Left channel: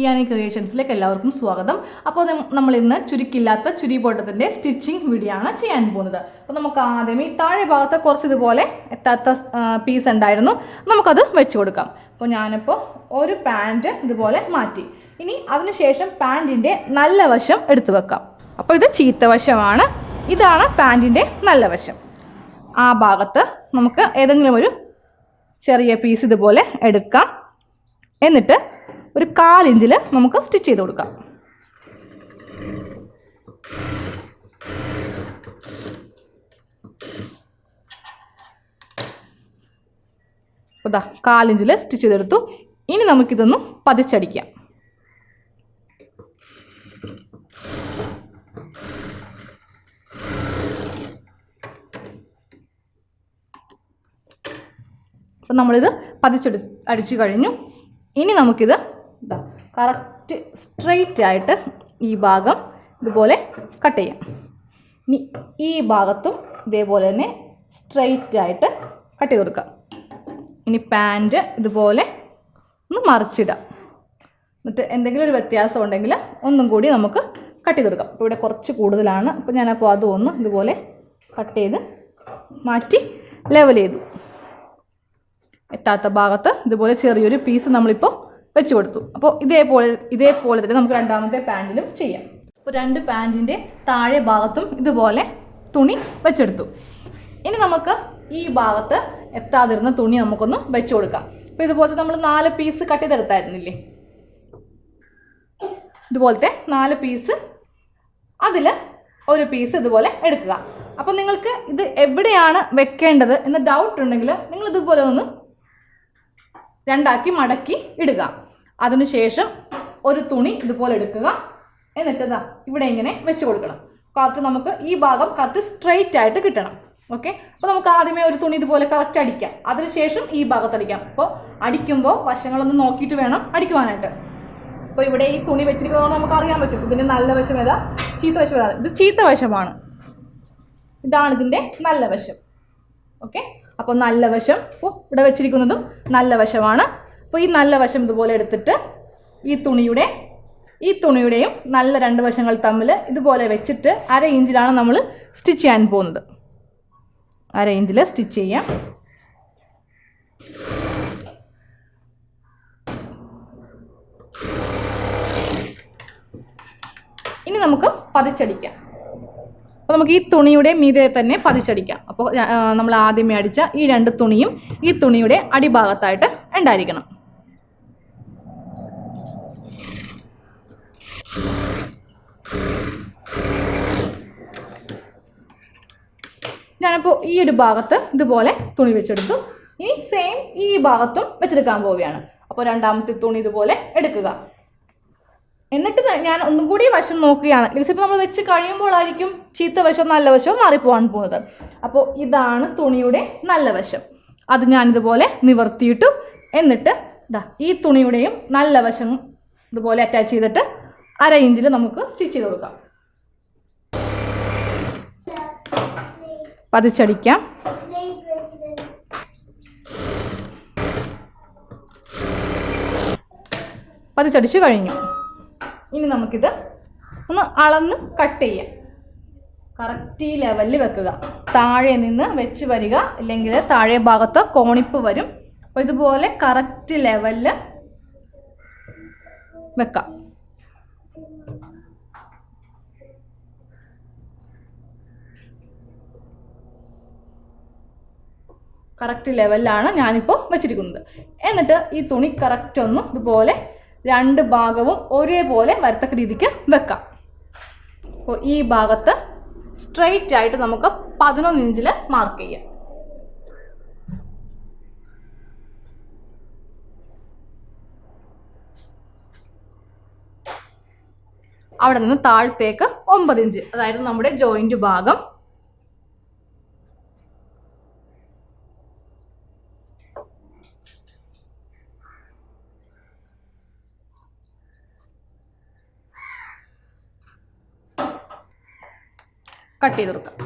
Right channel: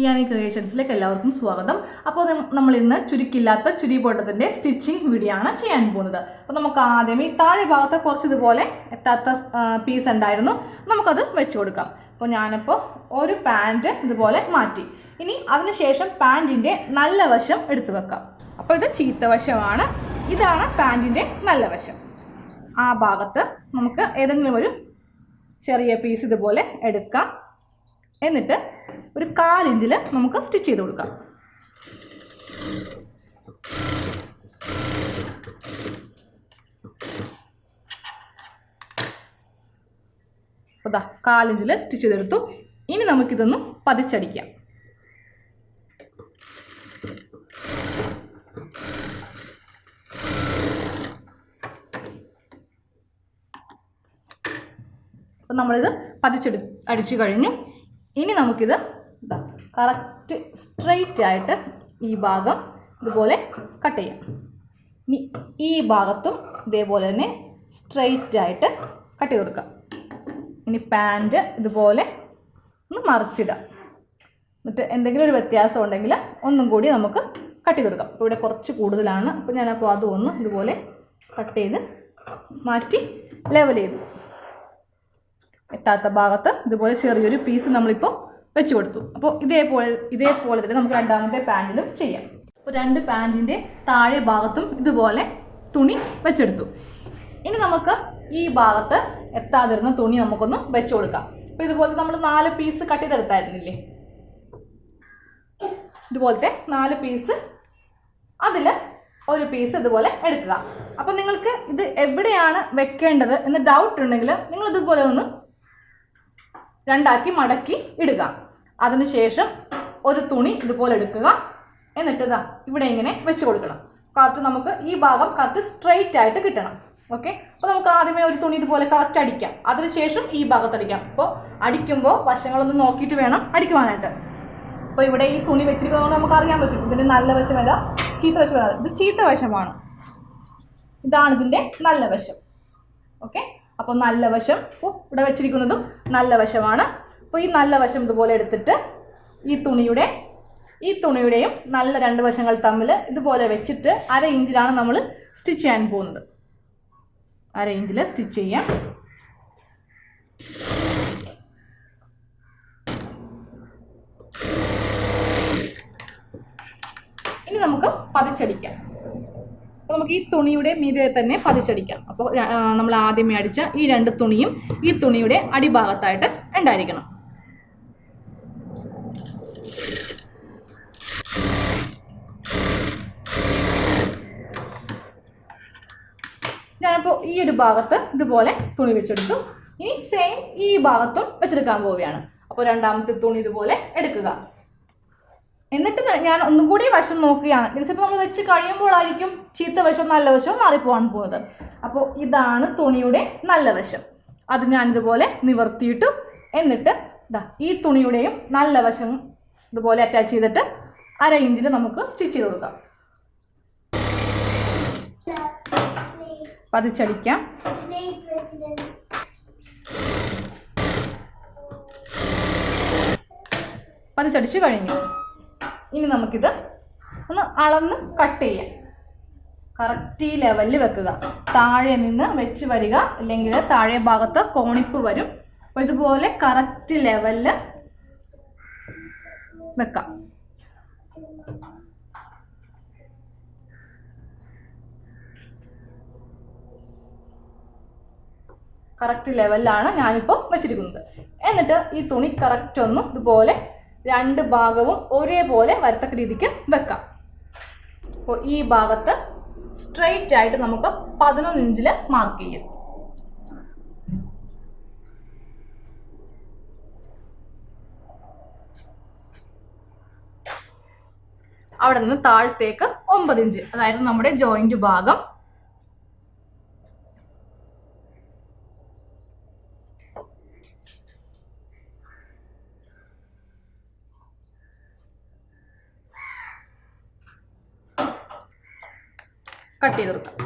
ഇയാനി ക്രിയേഷൻസിലേക്ക് എല്ലാവർക്കും സ്വാഗതം. അപ്പോൾ നമ്മൾ ഇന്ന് ചുരുക്കില്ലാത്ത ചുരിബോട്ടത്തിൻ്റെ സ്റ്റിച്ചിങ് വീഡിയോ ആണ് ചെയ്യാൻ പോകുന്നത്. അപ്പോൾ നമുക്ക് ആദ്യം ഈ താഴെ ഭാഗത്ത് കുറച്ച് ഇതുപോലെ എത്താത്ത പീസ് ഉണ്ടായിരുന്നു, നമുക്കത് വെച്ച് കൊടുക്കാം. അപ്പോൾ ഞാനിപ്പോൾ ഒരു പാൻറ്റ് ഇതുപോലെ മാറ്റി. ഇനി അതിനുശേഷം പാൻറ്റിൻ്റെ നല്ല വശം എടുത്തു വെക്കാം. അപ്പോൾ ഇത് ചീത്ത വശമാണ്, ഇതാണ് പാൻറ്റിൻ്റെ നല്ല വശം. ആ ഭാഗത്ത് നമുക്ക് ഏതെങ്കിലും ഒരു ചെറിയ പീസ് ഇതുപോലെ എടുക്കാം. എന്നിട്ട് ഒരു 1/4 ഇഞ്ചിൽ നമുക്ക് സ്റ്റിച്ച് ചെയ്ത് കൊടുക്കാം. അതാ 1/4 ഇഞ്ചിൽ സ്റ്റിച്ച് ചെയ്തെടുത്തു. ഇനി നമുക്കിതൊന്ന് പതിച്ചടിക്കാം. അപ്പം നമ്മളിത് അടിച്ചു കഴിഞ്ഞു. ഇനി നമുക്കിത് കറക്റ്റ് സ്ട്രെയിറ്റ് ആയിട്ട് ഈ ഭാഗം ഇതുപോലെ കട്ട് ചെയ്യാം. ഇനി ഈ ഭാഗത്തും ഇതേപോലെ തന്നെ സ്ട്രെയിറ്റ് ആയിട്ട് കട്ട് ചെയ്ത് കൊടുക്കാം. ഇനി പാൻറ്റ് ഇതുപോലെ ഒന്ന് മറിച്ചിടാം. എന്നിട്ട് എന്തെങ്കിലും ഒരു വ്യത്യാസം ഉണ്ടെങ്കിൽ ഒന്നും കൂടി നമുക്ക് കട്ട് ചെയ്ത് കൊടുക്കാം. അപ്പോൾ ഇവിടെ കുറച്ച് കൂടുതലാണ്, അപ്പോൾ ഞാനപ്പോൾ അതൊന്ന് ഇതുപോലെ കട്ട് ചെയ്ത് മാറ്റി ലെവൽ ചെയ്തു. എത്താത്ത ഭാഗത്ത് ഇതുപോലെ ചെറിയൊരു പീസ് നമ്മളിപ്പോൾ വെച്ച് കൊടുത്തു. അപ്പോൾ ഇതേപോലെ തന്നെ നമുക്ക് രണ്ടാമത്തെ പാൻറ്റിലും ചെയ്യാം. അപ്പോൾ 2 പാൻറ്റിൻ്റെ താഴെ ഭാഗത്തും ഇതുപോലെ തുണി വെച്ചെടുത്തു. ഇനി നമുക്ക് ഈ ഭാഗത്ത് എത്താതിരുന്ന തുണി നമുക്കൊന്ന് വെച്ച് കൊടുക്കാം. അപ്പോൾ ഇതുപോലത്തെ നമ്മൾ 4 പീസ് കട്ട് ചെയ്തെടുത്തായിരുന്നില്ലേ, ഇതുപോലത്തെ 4 പീസ്, അതിൽ ഒരു പീസ് ഇതുപോലെ എടുക്കുക. അപ്പോൾ നിങ്ങൾക്ക് ഇത് എവിടെയാണ് വെക്കേണ്ടത് എന്ന് ഡൗട്ട് ഉണ്ടെങ്കിൽ നിങ്ങൾ ഇതുപോലെ ഒന്ന് 2 ആക്കി മടക്കി ഇടുക. അതിനുശേഷം ഒരു തുണി ഇതുപോലെ എടുക്കുക. എന്നിട്ട് ഇവിടെ ഇങ്ങനെ വെച്ച് കൊടുക്കണം. കറക്റ്റ് നമുക്ക് ഈ ഭാഗം കറക്റ്റ് സ്ട്രെയിറ്റ് ആയിട്ട് കിട്ടണം. ഓക്കെ, അപ്പോൾ നമുക്ക് ആദ്യമേ ഒരു തുണി ഇതുപോലെ കറക്റ്റ് അടിക്കാം. അതിനുശേഷം ഈ ഭാഗത്ത് അടിക്കാം. അപ്പോൾ അടിക്കുമ്പോൾ വശങ്ങളൊന്ന് നോക്കിയിട്ട് വേണം അടിക്കുവാനായിട്ട്. അപ്പോൾ ഇവിടെ ഈ തുണി വെച്ചിരിക്കുന്നത് നമുക്ക് അറിയാൻ പറ്റും ഇതിൻ്റെ നല്ല വശം ഏതാ, ചീത്ത വശം ഏതാ. ഇത് ചീത്ത വശമാണ്, ഇതാണ് ഇതിൻ്റെ നല്ല വശം. ഓക്കെ, അപ്പോൾ നല്ല വശം ഇവിടെ വെച്ചിരിക്കുന്നതും നല്ല വശമാണ്. അപ്പോൾ ഈ നല്ല വശം ഇതുപോലെ എടുത്തിട്ട് ഈ തുണിയുടെയും നല്ല 2 വശങ്ങൾ തമ്മിൽ ഇതുപോലെ വെച്ചിട്ട് 1/2 ഇഞ്ചിലാണ് നമ്മൾ സ്റ്റിച്ച് ചെയ്യാൻ പോകുന്നത്. 1/2 ഇഞ്ചിൽ സ്റ്റിച്ച് ചെയ്യാം. ഇനി നമുക്ക് പതിച്ചടിക്കാം. അപ്പോൾ നമുക്ക് ഈ തുണിയുടെ മീതെ തന്നെ പതിച്ചടിക്കാം. അപ്പോൾ നമ്മൾ ആദ്യമേ അടിച്ച ഈ 2 തുണിയും ഈ തുണിയുടെ അടിഭാഗത്തായിട്ട് ഉണ്ടായിരിക്കണം. ഞാനിപ്പോൾ ഈ ഒരു ഭാഗത്ത് ഇതുപോലെ തുണി വെച്ചെടുത്തു. ഇനി സെയിം ഈ ഭാഗത്തും വെച്ചെടുക്കാൻ പോവുകയാണ്. അപ്പോൾ രണ്ടാമത്തെ തുണി ഇതുപോലെ എടുക്കുക. എന്നിട്ട് ഞാൻ ഒന്നും കൂടി വശം നോക്കുകയാണ്. ചിലപ്പോൾ നമ്മൾ വെച്ച് കഴിയുമ്പോഴായിരിക്കും ചീത്ത വശവും നല്ല വശവും മാറിപ്പോകാൻ പോകുന്നത്. അപ്പോൾ ഇതാണ് തുണിയുടെ നല്ല വശം. അത് ഞാനിതുപോലെ നിവർത്തിയിട്ടു. എന്നിട്ട് ഈ തുണിയുടെയും നല്ല വശം ഇതുപോലെ അറ്റാച്ച് ചെയ്തിട്ട് 1/2 ഇഞ്ചിൽ നമുക്ക് സ്റ്റിച്ച് ചെയ്ത് കൊടുക്കാം. പതിച്ചടിക്കാം. പതിച്ചടിച്ചു കഴിഞ്ഞു. ഇനി നമുക്കിത് ഒന്ന് അളന്ന് കട്ട് ചെയ്യാം. കറക്റ്റ് ഈ ലെവലിൽ വെക്കുക. താഴെ നിന്ന് വെച്ച് വരിക, ഇല്ലെങ്കിൽ താഴെ ഭാഗത്ത് കോണിപ്പ് വരും. അപ്പോൾ ഇതുപോലെ കറക്റ്റ് ലെവലിൽ വെക്കാം. കറക്റ്റ് ലെവലിലാണ് ഞാനിപ്പോൾ വെച്ചിരിക്കുന്നത്. എന്നിട്ട് ഈ തുണി കറക്റ്റ് ഒന്ന് ഇതുപോലെ 2 ഭാഗവും ഒരേപോലെ വരത്തക്ക രീതിക്ക് വെക്കാം. അപ്പോൾ ഈ ഭാഗത്ത് സ്ട്രെയിറ്റ് ആയിട്ട് നമുക്ക് 11 ഇഞ്ചിൽ മാർക്ക് ചെയ്യാം. അവിടെ നിന്ന് താഴത്തേക്ക് 9 ഇഞ്ച്, അതായത് നമ്മുടെ ജോയിന്റ് ഭാഗം. കട്ട് ചെയ്ത് കൊടുക്കാം.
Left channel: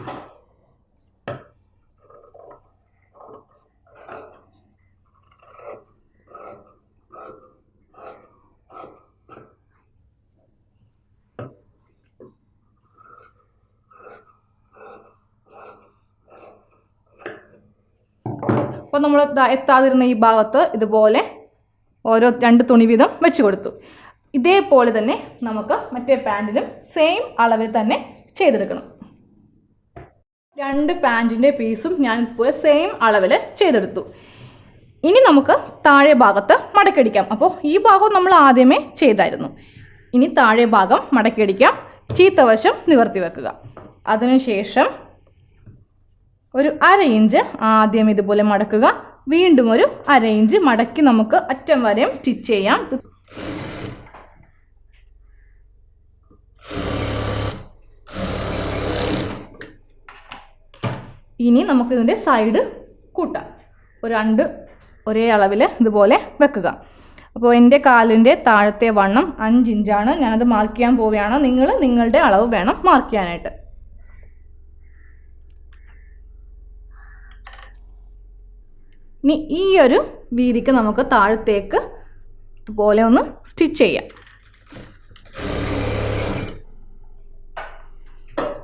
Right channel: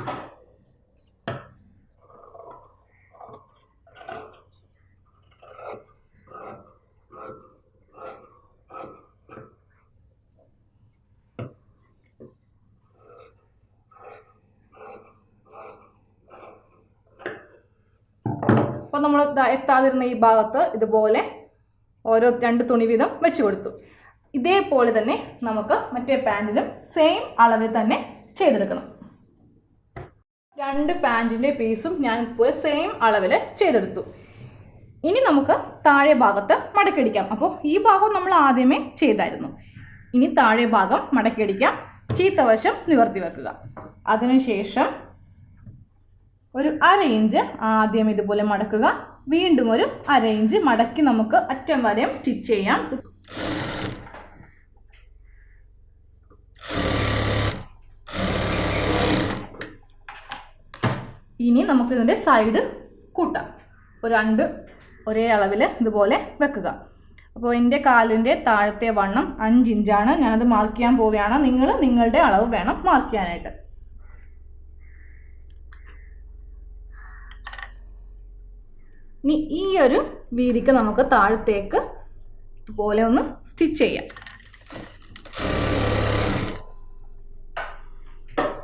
അപ്പോൾ നമ്മൾ എത്താതിരുന്ന ഈ ഭാഗത്ത് ഇതുപോലെ ഓരോ 2 തുണി വീതം വെച്ച് കൊടുത്തു. ഇതേപോലെ തന്നെ നമുക്ക് മറ്റേ പാൻറ്റിലും സെയിം അളവിൽ തന്നെ ചെയ്തെടുക്കണം. 2 പാൻറ്റിൻ്റെ പീസും ഞാൻ ഇതുപോലെ സെയിം അളവിൽ ചെയ്തെടുത്തു. ഇനി നമുക്ക് താഴെ ഭാഗത്ത് മടക്കിയടിക്കാം. അപ്പോൾ ഈ ഭാഗം നമ്മൾ ആദ്യമേ ചെയ്തായിരുന്നു. ഇനി താഴെ ഭാഗം മടക്കിയടിക്കാം. ചീത്തവശം നിവർത്തി വെക്കുക. അതിനുശേഷം ഒരു 1/2 ഇഞ്ച് ആദ്യം ഇതുപോലെ മടക്കുക. വീണ്ടും ഒരു 1/2 ഇഞ്ച് മടക്കി നമുക്ക് അറ്റം വരെയും സ്റ്റിച്ച് ചെയ്യാം. ഇനി നമുക്കിതിൻ്റെ സൈഡ് കൂട്ടാം. അപ്പോൾ 2 ഒരേ അളവിൽ ഇതുപോലെ വെക്കുക. അപ്പോൾ എൻ്റെ കാലിൻ്റെ താഴത്തെ വണ്ണം 5 ഇഞ്ചാണ്. ഞാനത് മാർക്ക് ചെയ്യാൻ പോവുകയാണ്. നിങ്ങൾ നിങ്ങളുടെ അളവ് വേണം മാർക്ക് ചെയ്യാനായിട്ട്. ഇനി ഈ ഒരു വീതിക്ക് നമുക്ക് താഴത്തേക്ക് ഇതുപോലെ ഒന്ന് സ്റ്റിച്ച് ചെയ്യാം.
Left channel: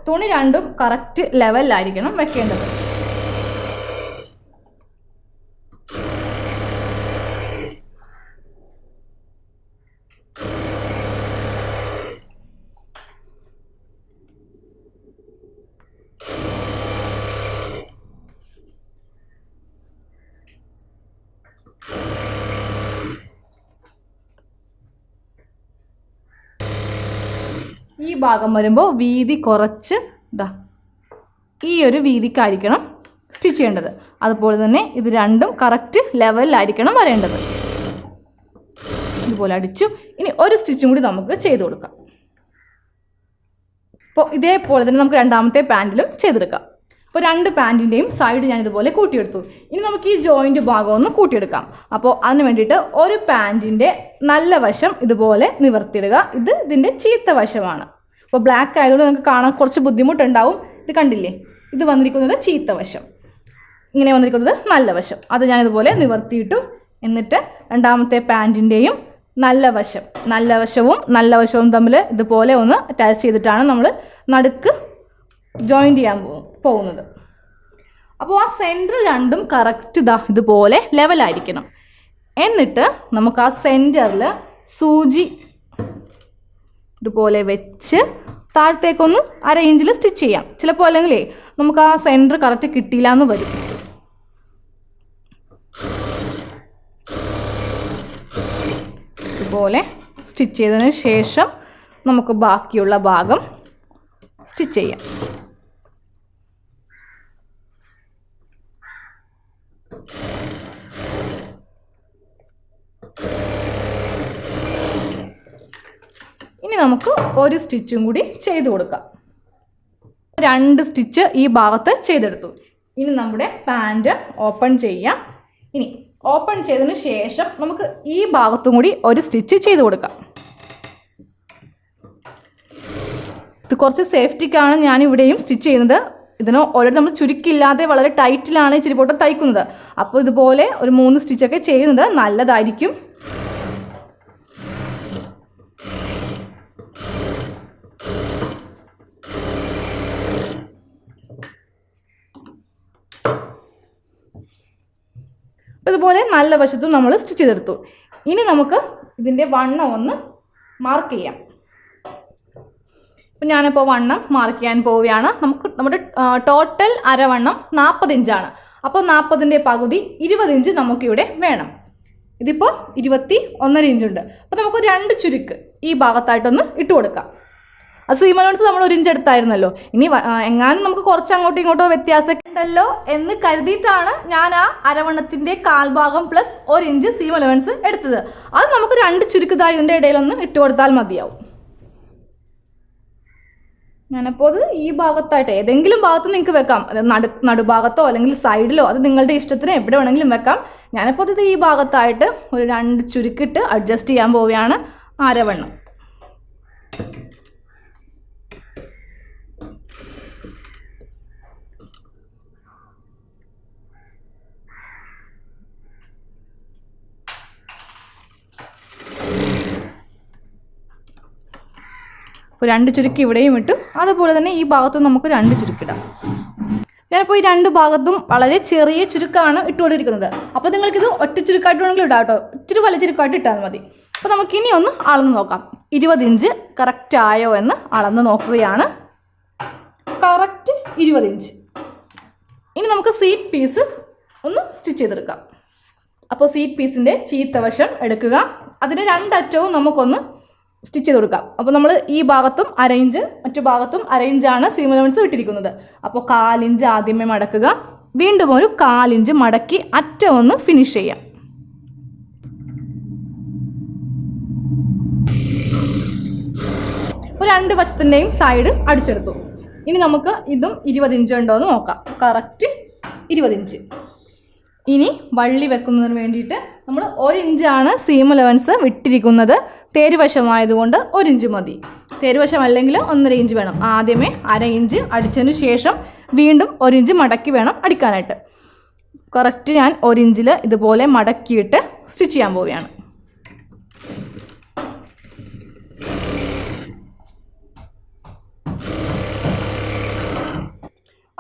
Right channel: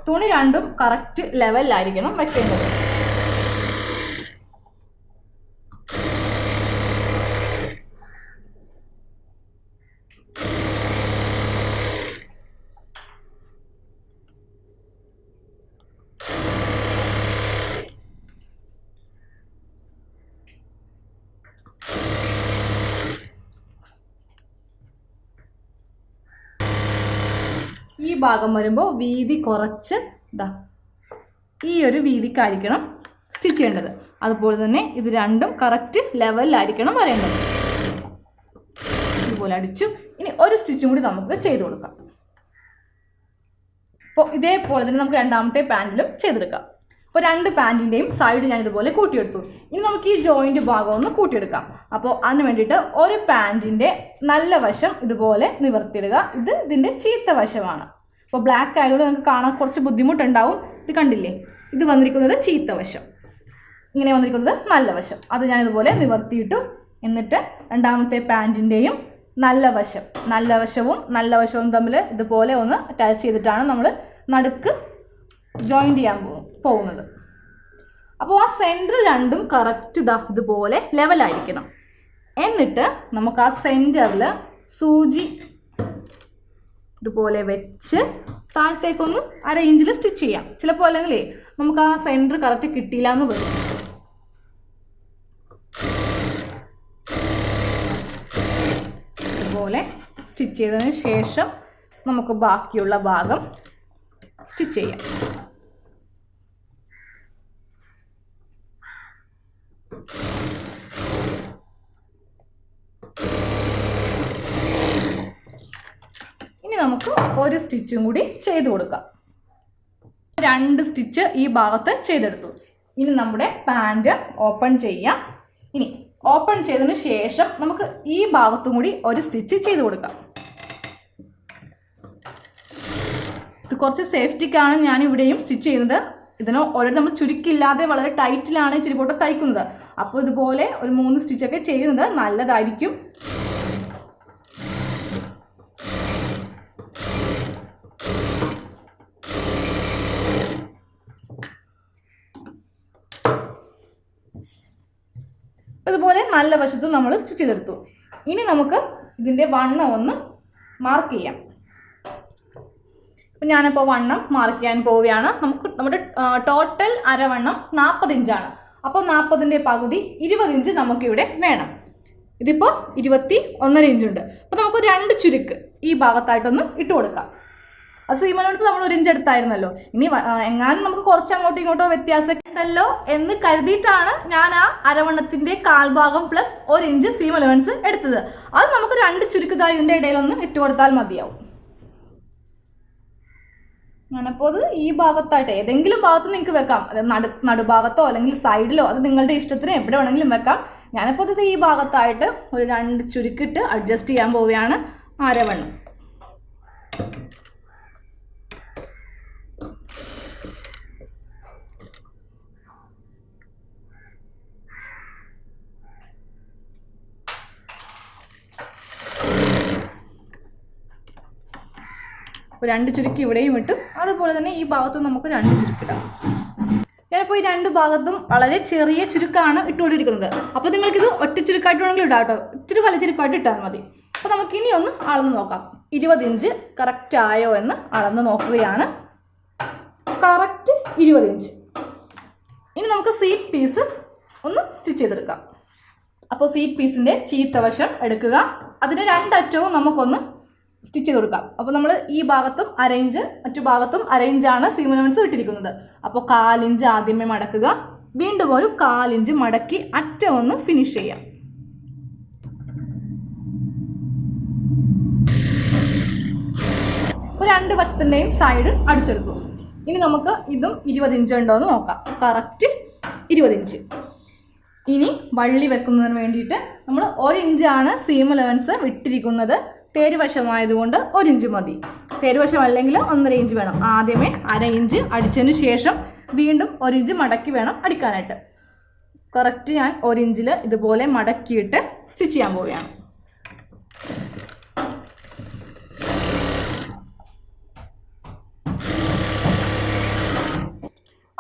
തുണി രണ്ടും കറക്റ്റ് ലെവലിലായിരിക്കണം വെക്കേണ്ടത്. ഈ ഭാഗം വരുമ്പോൾ വീതി കുറച്ച് ഈ ഒരു വീതിക്കായിരിക്കണം സ്റ്റിച്ച് ചെയ്യേണ്ടത്. അതുപോലെ തന്നെ ഇത് രണ്ടും കറക്റ്റ് ലെവലിലായിരിക്കണം വരേണ്ടത്. ഇതുപോലെ അടിച്ചു. ഇനി ഒരു സ്റ്റിച്ചും കൂടി നമുക്ക് ചെയ്ത് കൊടുക്കാം. അപ്പോൾ ഇതേപോലെ തന്നെ നമുക്ക് രണ്ടാമത്തെ പാൻറ്റിലും ചെയ്തെടുക്കാം. അപ്പോൾ 2 പാൻറ്റിൻ്റെയും സൈഡ് ഞാൻ ഇതുപോലെ കൂട്ടിയെടുത്തു. ഇനി നമുക്ക് ഈ ജോയിൻ്റ് ഭാഗം ഒന്ന് കൂട്ടിയെടുക്കാം. അപ്പോൾ അതിന് വേണ്ടിയിട്ട് ഒരു പാൻറ്റിൻ്റെ നല്ല വശം ഇതുപോലെ നിവർത്തിയിടുക. ഇത് ഇതിൻ്റെ ചീത്ത വശമാണ്. അപ്പോൾ ബ്ലാക്ക് ആയതുകൊണ്ട് നമുക്ക് കാണാൻ കുറച്ച് ബുദ്ധിമുട്ടുണ്ടാവും. ഇത് കണ്ടില്ലേ, ഇത് വന്നിരിക്കുന്നത് ചീത്ത വശം, ഇങ്ങനെ വന്നിരിക്കുന്നത് നല്ല വശം. അത് ഞാൻ ഇതുപോലെ നിവർത്തിയിട്ടു. എന്നിട്ട് രണ്ടാമത്തെ പാൻറ്റിൻ്റെയും നല്ല വശവും നല്ല വശവും തമ്മിൽ ഇതുപോലെ ഒന്ന് അറ്റാച്ച് ചെയ്തിട്ടാണ് നമ്മൾ നടുക്ക് ജോയിൻ്റ് ചെയ്യാൻ പോകുന്നത്. അപ്പോൾ ആ സെൻറ്റർ രണ്ടും കറക്റ്റ് ഇതുപോലെ ലെവലായിരിക്കണം. എന്നിട്ട് നമുക്ക് ആ സെൻറ്ററിൽ സൂചി ഇതുപോലെ വെച്ച് താഴത്തേക്കൊന്ന് 1/2 ഇഞ്ചിൽ സ്റ്റിച്ച് ചെയ്യാം. ചിലപ്പോൾ അല്ലെങ്കിൽ നമുക്ക് ആ സെൻറ്റർ കറക്റ്റ് കിട്ടിയില്ല എന്ന് വരും. ഇതുപോലെ സ്റ്റിച്ച് ചെയ്തതിന് ശേഷം നമുക്ക് ബാക്കിയുള്ള ഭാഗം സ്റ്റിച്ച് ചെയ്യാം. ഇനി നമുക്ക് ഒരു സ്റ്റിച്ചും കൂടി ചെയ്ത് കൊടുക്കാം. 2 സ്റ്റിച്ച് ഈ ഭാഗത്ത് ചെയ്തെടുത്തു. ഇനി നമ്മുടെ പാൻറ് ഓപ്പൺ ചെയ്യാം. ഇനി ഓപ്പൺ ചെയ്തതിന് ശേഷം നമുക്ക് ഈ ഭാഗത്തും കൂടി ഒരു സ്റ്റിച്ച് ചെയ്ത് കൊടുക്കാം. ഇത് കുറച്ച് സേഫ്റ്റിക്കാണ് ഞാൻ ഇവിടെയും സ്റ്റിച്ച് ചെയ്യുന്നത്. ഇതിന് ഓൾറെഡി നമ്മൾ ചുരുക്കില്ലാതെ വളരെ ടൈറ്റിലാണ് ഇച്ചിരി പോട്ട് തയ്ക്കുന്നത്. അപ്പോൾ ഇതുപോലെ ഒരു 3 സ്റ്റിച്ചൊക്കെ ചെയ്യുന്നത് നല്ലതായിരിക്കും. ഇതുപോലെ നല്ല വശത്തും നമ്മൾ സ്റ്റിച്ച് ചെയ്തെടുത്തു. ഇനി നമുക്ക് ഇതിൻ്റെ വണ്ണം ഒന്ന് മാർക്ക് ചെയ്യാം. അപ്പോൾ ഞാനിപ്പോൾ വണ്ണം മാർക്ക് ചെയ്യാൻ പോവുകയാണ്. നമ്മുടെ ടോട്ടൽ അരവണ്ണം 40 ഇഞ്ചാണ്. അപ്പോൾ 40ൻ്റെ പകുതി 20 ഇഞ്ച് നമുക്കിവിടെ വേണം. ഇതിപ്പോൾ 21.5 ഇഞ്ചുണ്ട്. അപ്പോൾ നമുക്ക് 2 ചുരുക്ക് ഈ ഭാഗത്തായിട്ടൊന്ന് ഇട്ട് കൊടുക്കാം. അത് സീം അലവൻസ് നമ്മൾ 1 ഇഞ്ച് എടുത്തായിരുന്നല്ലോ. ഇനി എങ്ങാനും നമുക്ക് കുറച്ച് അങ്ങോട്ടും ഇങ്ങോട്ടോ വ്യത്യാസം ഉണ്ടല്ലോ എന്ന് കരുതിയിട്ടാണ് ഞാൻ ആ അരവണ്ണത്തിൻ്റെ കാൽഭാഗം പ്ലസ് 1 ഇഞ്ച് സീം അലവൻസ് എടുത്തത്. അത് നമുക്ക് 2 ചുരുക്കതായി ഇതിൻ്റെ ഇടയിലൊന്ന് ഇട്ട് കൊടുത്താൽ മതിയാവും. ഞാനപ്പോൾ അത് ഈ ഭാഗത്തായിട്ട് ഏതെങ്കിലും ഭാഗത്ത് നിങ്ങൾക്ക് വെക്കാം. നടുഭാഗത്തോ അല്ലെങ്കിൽ സൈഡിലോ, അത് നിങ്ങളുടെ ഇഷ്ടത്തിന് എവിടെ വേണമെങ്കിലും വെക്കാം. ഞാനിപ്പോൾ അത് ഈ ഭാഗത്തായിട്ട് ഒരു 2 ചുരുക്കിട്ട് അഡ്ജസ്റ്റ് ചെയ്യാൻ പോവുകയാണ് അരവണ്ണം. അപ്പോൾ 2 ചുരുക്കി ഇവിടെയും ഇട്ടു. അതുപോലെ തന്നെ ഈ ഭാഗത്ത് നമുക്ക് 2 ചുരുക്കിടാം. ഞാനിപ്പോൾ ഈ രണ്ട് ഭാഗത്തും വളരെ ചെറിയ ചുരുക്കമാണ് ഇട്ടുകൊണ്ടിരിക്കുന്നത്. അപ്പോൾ നിങ്ങൾക്കിത് ഒറ്റ ചുരുക്കായിട്ട് വേണമെങ്കിൽ ഇടാം കേട്ടോ, ഇത്തിരി വലിയ ചുരുക്കായിട്ട് ഇട്ടാൽ മതി. അപ്പോൾ നമുക്കിനി ഒന്ന് അളന്ന് നോക്കാം. 20 ഇഞ്ച് കറക്റ്റ് ആയോ എന്ന് അളന്ന് നോക്കുകയാണ്. Correct 20 inch. ഇനി നമുക്ക് സീറ്റ് പീസ് ഒന്ന് സ്റ്റിച്ച് ചെയ്തെടുക്കാം. അപ്പോൾ സീറ്റ് പീസിൻ്റെ ചീത്ത വശം എടുക്കുക, അതിൻ്റെ രണ്ടറ്റവും നമുക്കൊന്ന് സ്റ്റിച്ച് ചെയ്ത് കൊടുക്കാം. അപ്പോൾ നമ്മൾ ഈ ഭാഗത്തും അരയിഞ്ച് മറ്റു ഭാഗത്തും അരയിഞ്ചാണ് സീം അലവൻസ് ഇട്ടിരിക്കുന്നത്. അപ്പോൾ 1/4 ഇഞ്ച് ആദ്യമേ മടക്കുക, വീണ്ടും ഒരു 1/4 ഇഞ്ച് മടക്കി അറ്റം ഒന്ന് ഫിനിഷ് ചെയ്യാം. അപ്പോൾ രണ്ട് വശത്തിൻ്റെയും സൈഡ് അടിച്ചെടുത്തു. ഇനി നമുക്ക് ഇതും 20 ഇഞ്ച് ഉണ്ടോ എന്ന് നോക്കാം. Correct 20 inch. ഇനി വള്ളി വെക്കുന്നതിന് വേണ്ടിയിട്ട് നമ്മൾ 1 ഇഞ്ചാണ് സീം അലവൻസ് വിട്ടിരിക്കുന്നത്. തേരുവശമായതുകൊണ്ട് 1 ഇഞ്ച് മതി. തേരുവശം അല്ലെങ്കിൽ 1.5 ഇഞ്ച് വേണം. ആദ്യമേ 1/2 ഇഞ്ച് അടിച്ചതിന് ശേഷം വീണ്ടും 1 ഇഞ്ച് മടക്കി വേണം അടിക്കാനായിട്ട്. കറക്റ്റ് ഞാൻ 1 ഇഞ്ചിൽ ഇതുപോലെ മടക്കിയിട്ട് സ്റ്റിച്ച് ചെയ്യാൻ പോവുകയാണ്.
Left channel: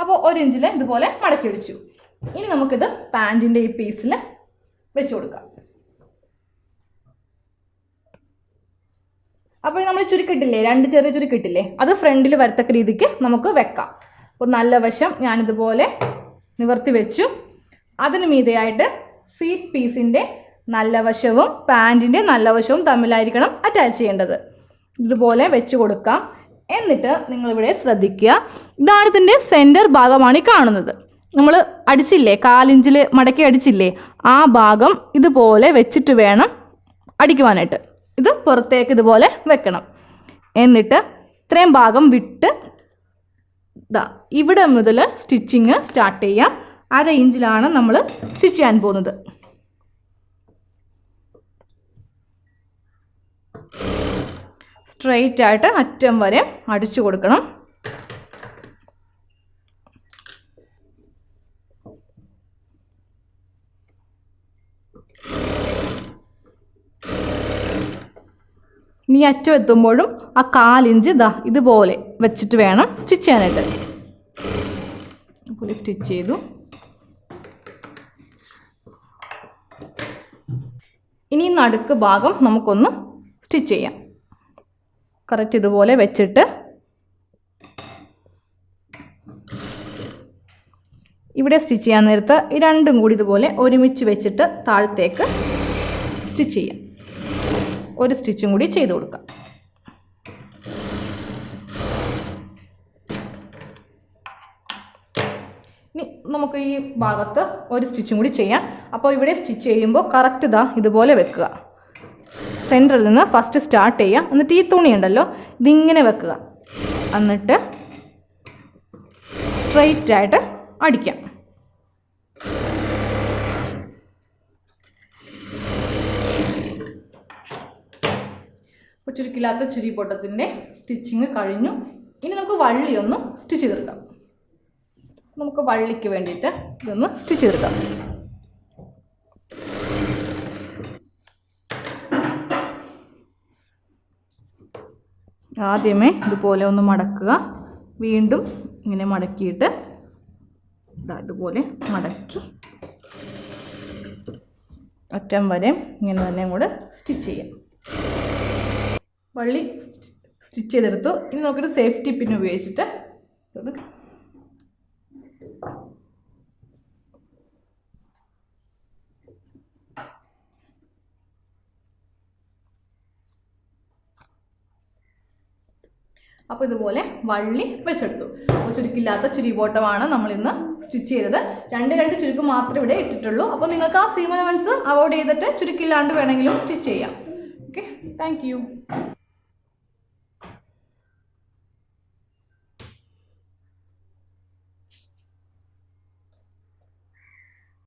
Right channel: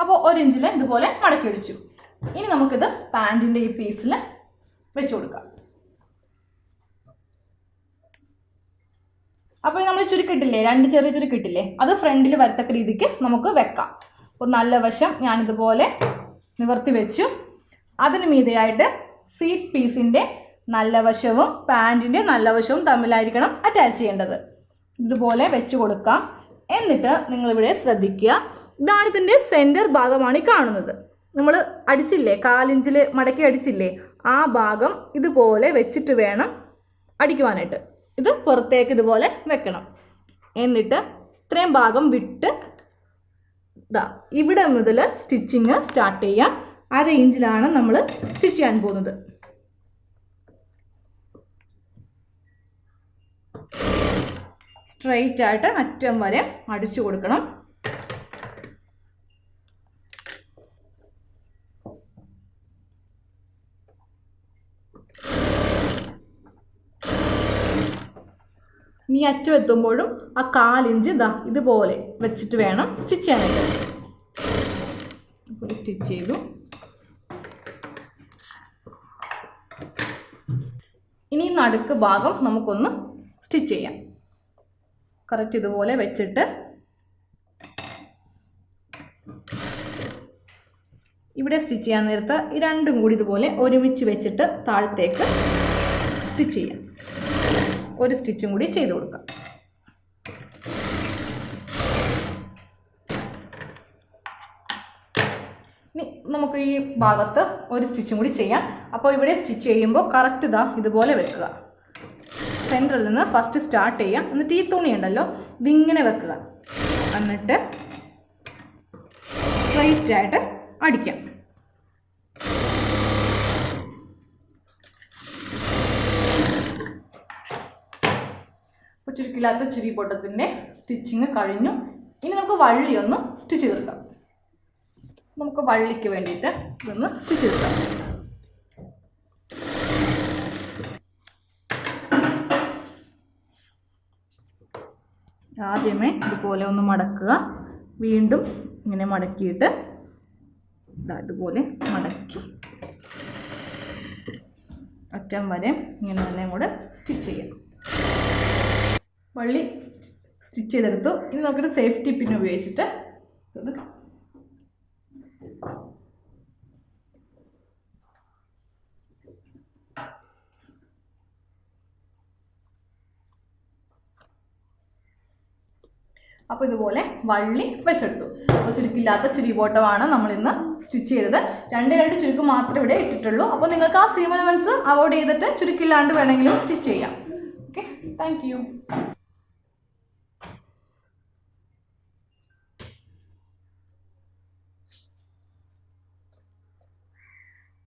അപ്പോൾ 1 ഇഞ്ചിൽ ഇതുപോലെ മടക്കി അടിച്ചു. ഇനി നമുക്കിത് പാൻറ്റിൻ്റെ ഈ പീസിൽ വെച്ച് കൊടുക്കാം. അപ്പോൾ നമ്മൾ ചുരുക്കിട്ടില്ലേ, 2 ചെറിയ ചുരുക്കിട്ടില്ലേ, അത് ഫ്രണ്ടിൽ വരത്തക്ക രീതിക്ക് നമുക്ക് വെക്കാം. അപ്പോൾ നല്ല വശം ഞാനിതുപോലെ നിവർത്തി വെച്ചു. അതിന് മീതെയായിട്ട് സീറ്റ് പീസിൻ്റെ നല്ല വശവും പാൻറ്റിൻ്റെ നല്ല വശവും തമ്മിലായിരിക്കണം അറ്റാച്ച് ചെയ്യേണ്ടത്. ഇതുപോലെ വെച്ച് കൊടുക്കാം. എന്നിട്ട് നിങ്ങളിവിടെ ശ്രദ്ധിക്കുക, ഇതാണ് ഇതിൻ്റെ സെൻറ്റർ ഭാഗമാണ് ഈ കാണുന്നത്. നമ്മൾ അടിച്ചില്ലേ, 1/4 ഇഞ്ചിൽ മടക്കി അടിച്ചില്ലേ, ആ ഭാഗം ഇതുപോലെ വെച്ചിട്ട് വേണം അടിക്കുവാനായിട്ട്. ഇത് പുറത്തേക്ക് ഇതുപോലെ വെക്കണം. എന്നിട്ട് ഇത്രയും ഭാഗം വിട്ട് ഇവിടെ മുതൽ സ്റ്റിച്ചിങ് സ്റ്റാർട്ട് ചെയ്യാം. 1/2 ഇഞ്ചിലാണ് നമ്മൾ സ്റ്റിച്ച് ചെയ്യാൻ പോകുന്നത്. സ്ട്രെയിറ്റ് ആയിട്ട് അറ്റം വരെ അടിച്ചു കൊടുക്കണം. ഇനി അറ്റം എത്തുമ്പോഴും ആ 1/4 ഇഞ്ച് ഇതുപോലെ വെച്ചിട്ട് വേണം സ്റ്റിച്ച് ചെയ്യാനായിട്ട്. അതുപോലെ സ്റ്റിച്ച് ചെയ്തു. ഇനി നടുക്ക് ഭാഗം നമുക്കൊന്ന് സ്റ്റിച്ച് ചെയ്യാം. കറക്റ്റ് ഇതുപോലെ വെച്ചിട്ട് ഇവിടെ സ്റ്റിച്ച് ചെയ്യാൻ നേരത്ത് ഈ രണ്ടും കൂടി ഇതുപോലെ ഒരുമിച്ച് വെച്ചിട്ട് താഴത്തേക്ക് സ്റ്റിച്ച് ചെയ്യാം. ഒരു സ്റ്റിച്ചും കൂടി ചെയ്ത് കൊടുക്കാം. ഇനി നമുക്ക് ഈ ഭാഗത്ത് ഒരു സ്റ്റിച്ചും കൂടി ചെയ്യാം. അപ്പോൾ ഇവിടെ സ്റ്റിച്ച് ചെയ്യുമ്പോൾ കറക്റ്റ് ഇതുപോലെ വെക്കുക. സെൻറ്ററിൽ നിന്ന് ഫസ്റ്റ് സ്റ്റാർട്ട് ചെയ്യാം. എന്നിട്ട് ഈ തുണി ഉണ്ടല്ലോ ഇതിങ്ങനെ വെക്കുക. എന്നിട്ട് സ്ട്രെയിറ്റ് ആയിട്ട് അടിക്കാം. ചുരുക്കില്ലാത്ത ചുരിബോട്ടത്തിൻ്റെ സ്റ്റിച്ചിങ് കഴിഞ്ഞു. ഇനി നമുക്ക് വള്ളി ഒന്ന് സ്റ്റിച്ച് ചെയ്തെടുക്കാം. നമുക്ക് വള്ളിക്ക് വേണ്ടിയിട്ട് ഇതൊന്ന് സ്റ്റിച്ച് ചെയ്തെടുക്കാം. ആദ്യമേ ഇതുപോലെ ഒന്ന് മടക്കുക. വീണ്ടും ഇങ്ങനെ മടക്കിയിട്ട് ഇതുപോലെ മടക്കി അറ്റം വരെ ഇങ്ങനെ തന്നെ കൂടെ സ്റ്റിച്ച് ചെയ്യാം. വള്ളി സ്റ്റിച്ച് ചെയ്തെടുത്തു. ഇനി നമുക്കൊരു സേഫ്റ്റി പിൻ ഉപയോഗിച്ചിട്ട് അപ്പോൾ ഇതുപോലെ വള്ളി വെച്ചെടുത്തു. അപ്പോൾ ചുരുക്കില്ലാത്ത ചുരിബോട്ടമാണ് നമ്മളിന്ന് സ്റ്റിച്ച് ചെയ്തത്. 2 ചുരുക്ക് മാത്രമേ ഇവിടെ ഇട്ടിട്ടുള്ളൂ. അപ്പോൾ നിങ്ങൾക്ക് ആ സീം അലവൻസ് അവോയ്ഡ് ചെയ്തിട്ട് ചുരുക്കില്ലാണ്ട് വേണമെങ്കിലും സ്റ്റിച്ച് ചെയ്യാം. Okay, thank you.